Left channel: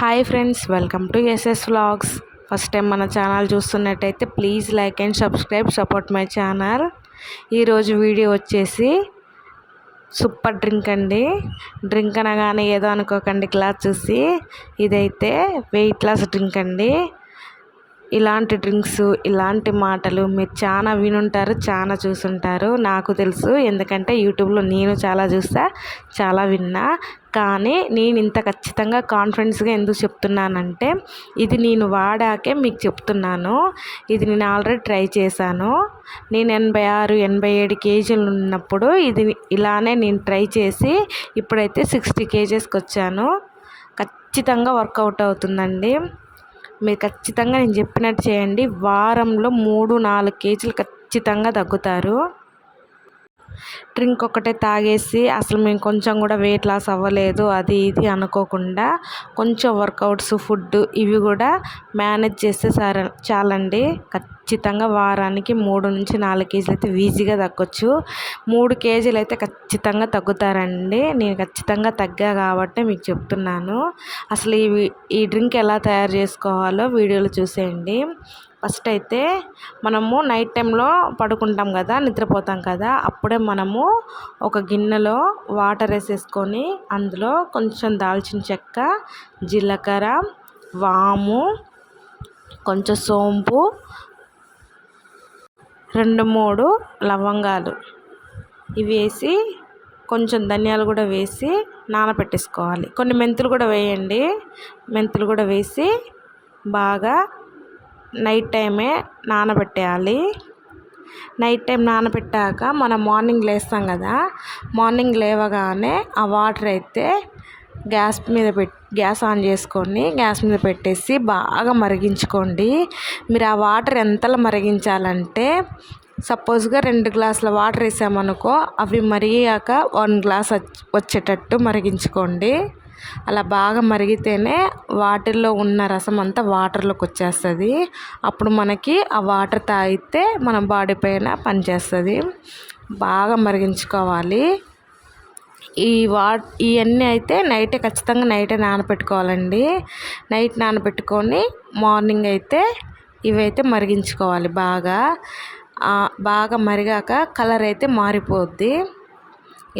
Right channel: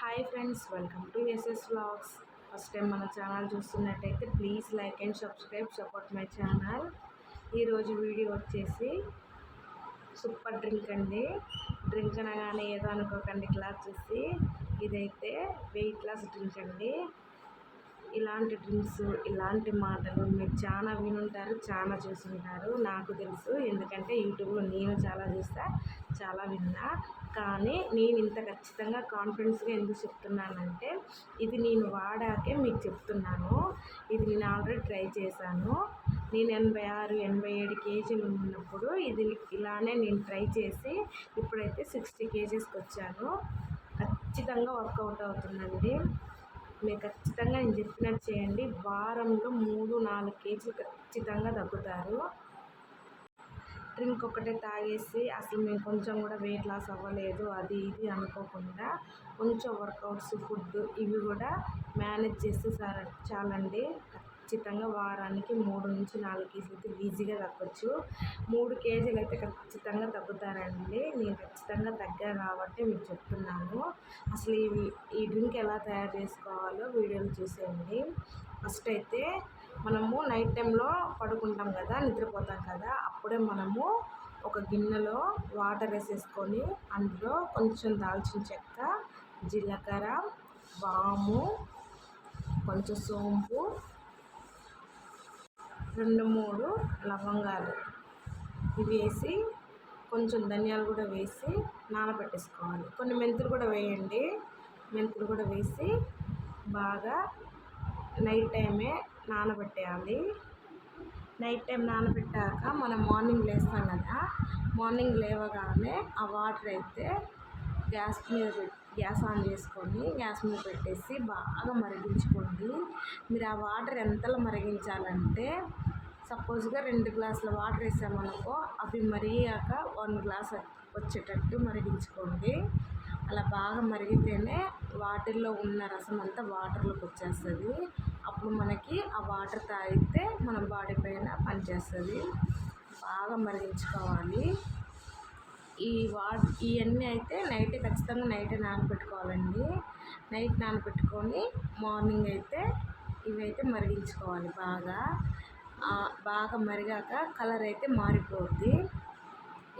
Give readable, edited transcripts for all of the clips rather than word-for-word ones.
Hi friends, welcome to SS vlogs. First time మన channel చూస్తున్నట్టయితే please like and support my channel. ఈరోజు video వచ్చేసి super drink అండి. Drink అనగానే ఏదో అనుకోకండి, గ్లాస్ చూసి. ఇదైతే వెయిట్ లాస్ డ్రింక్ అండి. ఇలాంటి డ్రింక్స్, ఇలాంటి మాటలు మీరు చాలా వినుంటారు, చాలా చూసుంటారు. నాకు తెలుసు, ఎందుకంటే యూట్యూబ్లో నేను చాలా చూస్తా, చాలా విన్నా. కానీ నేను ఇంత ఖచ్చితంగా కాన్ఫిడెన్స్గా ఎందుకు చెప్తున్నానంటే, ఇది నేను వాడాకే మీకు చెప్తున్నాను. ఇది నేను ఆల్రెడీ ట్రై చేశాను. నేను 86, 87 కేజీలు ఉన్నప్పుడు ఇది ఇలానే నేను ట్రై చేసి ఇప్పుడైతే 60 కేజెస్కి వచ్చాను. ఖచ్చితంగా వర్కౌట్ అవుతుందండి. మీరు ఖచ్చితంగా నేను చెప్పినట్టు చేయండి. వారంలో 3-4 కేజీలు ఖచ్చితంగా తగ్గుతారు. డ్రింక్ ఒకటే తాగేసి అసలు మేము కొంచెం కూడా వెయిట్ లాస్ అవ్వలేదు అది ఇది అనుకోకుండా, కొంచెం వర్కౌట్స్, ఫుడ్ ఇవి కూడా మేనేజ్ చేస్తే చాలండి. ఖచ్చితంగా వారానికి 3-4 కేజీలు అయితే ఈజీగా తగ్గొచ్చు. 3 కేజీలు అయితే ఖచ్చితంగా తగ్గుతారండి. నేను ఖచ్చితంగా తగ్గా కాబట్టి మీకు చెప్తున్నాను. అసలు ఈ డ్రింక్ ఎలా తయారు చేసుకోవాలో వీడియోలో చూసేయండి. ఫస్ట్ అయితే మనము నైట్ టైంలో పడుకుంటాం కదా, నిద్రపోతాం కదా, అప్పుడే మనము ఒక గిన్నెలో వాటర్ వేసేసుకొని అందులో కొంచెం దాల్చిన చెక్క, జీలకర్ర, వాము, కొంచెం సోంపు, 2-3 లవంగాలు ఇవి వేసి, కొంచెం ధనియాలు కూడా వేసి నానబెట్టేసుకోవాలి. కొన్ని మెంతులు కూడా వేయండి. మెంతులు కూడా వేసి బాగా నైట్ టైమే నానబెట్టేయాలి. నైట్ టైం నానబెట్టాక మనం మార్నింగ్ లేస్తాం కదా, మార్నింగ్ లేవగానే ఆ వాటర్ అయితే గ్యాస్ ఆన్ చేసుకొని గ్యాస్ మీద పెట్టేసి బాగా మరిగించుకోండి. మీరు ఆ వాటర్ ఎంతలా మరిగించాలంటే, సపోజ్గా 2 గ్లాసుల వాటర్ వేసామనుకో, అవి మరిగాక 1 గ్లాస్ వచ్చేటట్టు మరిగించుకోండి. అలా బాగా మరిగితేనే వాటిల్లో ఉన్న రసం అంతా వాటర్లోకి వచ్చేస్తుంది. అప్పుడు మనకి ఆ వాటర్ తాగితే మన బాడీ పైన పనిచేస్తుంది. బాగా మరిగించుకోవాలి. ఇవన్నీ అయితే ఖచ్చితంగా నైటే నానబెట్టుకోవాలండి. నైట్ నానబెట్టుకొని మార్నింగ్ అయితే ఇవైతే మరిగించుకోవాలి. బాగా మరిగాక కలర్ అయితే మారిపోద్ది.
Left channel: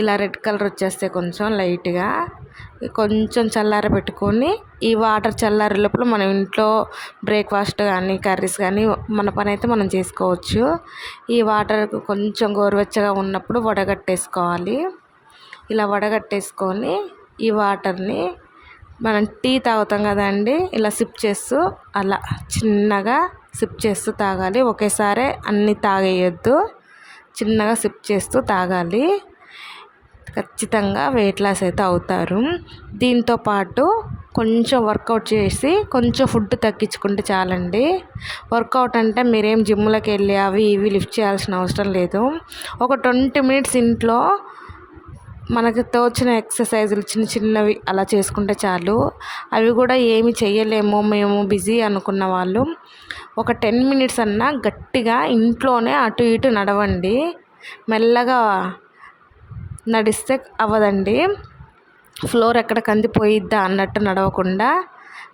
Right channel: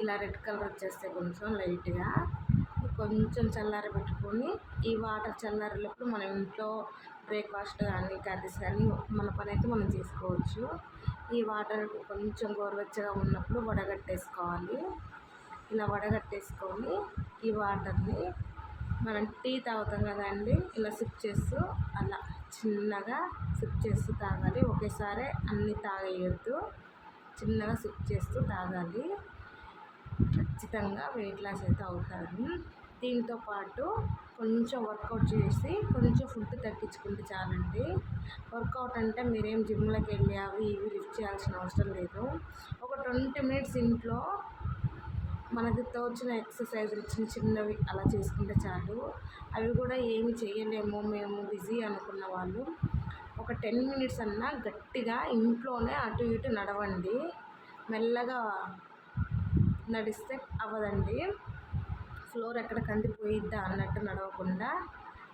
ఇలా రెడ్ కలర్ వచ్చేస్తే కొంచెం లైట్గా కొంచెం చల్లారబెట్టుకొని, ఈ వాటర్ చల్లారే లోపల మనం ఇంట్లో బ్రేక్ఫాస్ట్ కానీ, కర్రీస్ కానీ మన పని అయితే మనం చేసుకోవచ్చు. ఈ వాటర్ కొంచెం గోరువెచ్చగా ఉన్నప్పుడు వడగట్టేసుకోవాలి. ఇలా వడగట్టేసుకొని ఈ వాటర్ని మనం టీ తాగుతాం కదండి, ఇలా సిప్ చేస్తూ, అలా చిన్నగా సిప్ చేస్తూ తాగాలి. ఒకేసారి అన్నీ తాగేయొద్దు, చిన్నగా సిప్ చేస్తూ తాగాలి. ఖచ్చితంగా వెయిట్ లాస్ అయితే అవుతారు. దీంతోపాటు కొంచెం వర్కౌట్ చేసి కొంచెం ఫుడ్ తగ్గించుకుంటే చాలండి. వర్కౌట్ అంటే మీరేం జిమ్లోకి వెళ్ళి అవి ఇవి లిఫ్ట్ చేయాల్సిన అవసరం లేదు. ఒక 20 మినిట్స్ ఇంట్లో మనకు తోచిన ఎక్సర్సైజులు చిన్నవి అలా చేసుకుంటే చాలు. అవి కూడా ఏమి చేయలేము మేము బిజీ అనుకున్న వాళ్ళు ఒక 10 మినిట్స్ అన్నా గట్టిగా ఇంట్లోనే అటు ఇటు నడవండి. మెల్లగా నడిస్తే అవ్వదండి. ఫ్లోర్ ఎక్కడ కందిపోయిద్దా అన్నట్టు నడవకుండా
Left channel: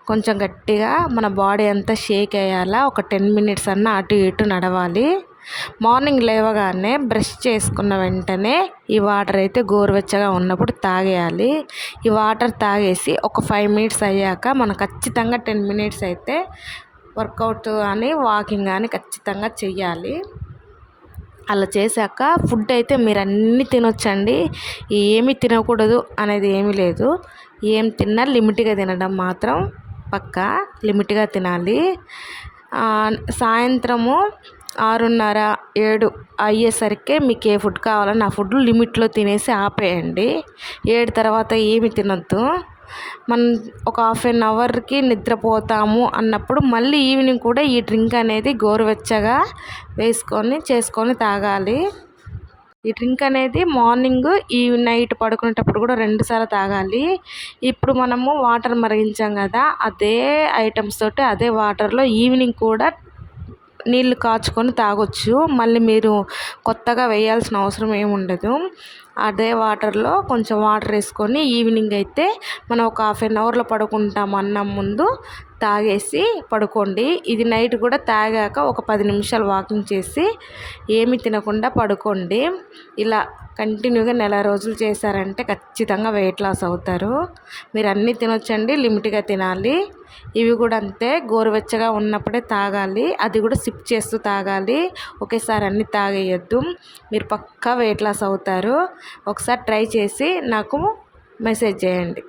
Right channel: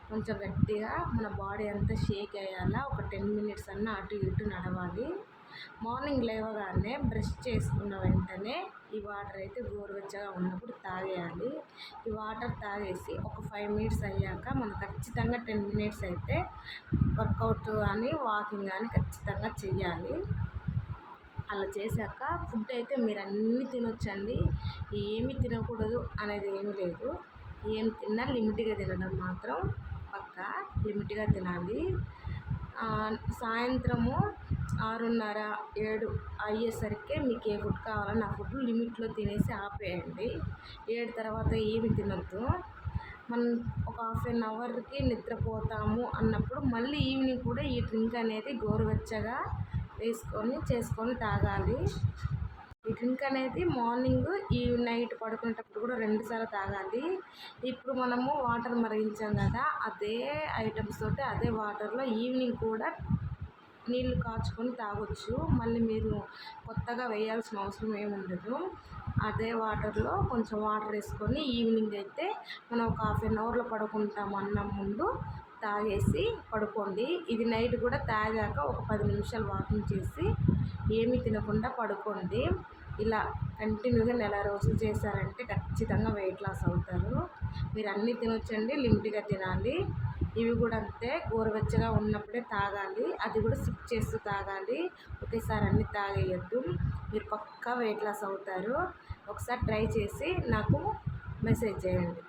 కొంచెం గట్టిగా మన బాడీ అంతా షేక్ అయ్యేలా ఒక 10 మినిట్స్ అన్నా అటు ఇటు నడవాలి. మార్నింగ్ లేవగానే బ్రష్ చేసుకున్న వెంటనే ఈ వాటర్ అయితే గోరువెచ్చగా ఉన్నప్పుడు తాగేయాలి. ఈ వాటర్ తాగేసి ఒక 5 మినిట్స్ అయ్యాక మనం ఖచ్చితంగా 10 మినిట్స్ అయితే వర్కౌట్ కానీ వాకింగ్ కానీ ఖచ్చితంగా చెయ్యాలి. అలా చేశాక ఫుడ్ అయితే మీరు అన్నీ తినొచ్చండి. ఏమి తినకూడదు అనేది ఏమీ లేదు. ఏం తిన్నా లిమిట్గా తినడం మాత్రం పక్కా లిమిట్గా తినాలి. సాయంత్రము 6:30-7 అయ్యేసరికి మీకు ఏ ఫుడ్ కావాలన్నా ఆ ఫుడ్ లిమిట్లో తినేసి ఆపేయండి. 7 తర్వాత ఏమి తినొద్దు. మనం ఒక 1/2 అవర్కి నిద్రపోతాము అన్నప్పుడు మళ్ళీ ఈవినింగ్ కూడా ఈ డ్రింక్ అనేది గోరువెచ్చగా చేసుకొని తాగాలి. ఈ డ్రింక్ అనేది మార్నింగ్, నైట్ పడుకునేటప్పుడు కూడా 2 సార్లు తాగాలి. ఇప్పుడు మనము వాటర్ మరిగించాం కదా, అదే ఐటమ్స్ తోటి అదే వాటర్లో ఈవినింగ్ కూడా నీళ్ళు కాచుకొని తాగొచ్చు. మళ్ళీ మీరు కొత్తగా వేయాల్సిన అవసరం ఏమి ఉండదు. అదే వాటర్లో కొంచెం వాటర్ వేసుకొని ఈవినింగ్ అయితే మనం ఒక 1/2 అవర్లో పడుకుంటాం అన్నం ముందు తాగేసి పడుకోండి. ఇది నైట్ కూడా తాగాక ఒక 10 నిమిషాలు వాకింగ్ చేసి ఏమి తినకుండా పడుకోండి. ఇలా కంటిన్యూగా నెల రోజులు చేశారంటే ఖచ్చితంగా వెయిట్ లాస్ అవుతారు. మీరు అన్నీ తినొచ్చండి, లిమిట్గా తినాలి. ఇవి కూడా అంతే, గోరువెచ్చగా ఉన్నప్పుడే తాగాలి. అది కూడా సిప్ చేస్తూ తాగాలి. ఒకేసారి అన్నీ తాగేయద్దు. మీరు పక్కా వెయిట్ లాస్ అవుతారు. ఒకసారి ట్రై చేసి నాకు మెసేజ్ చేయండి.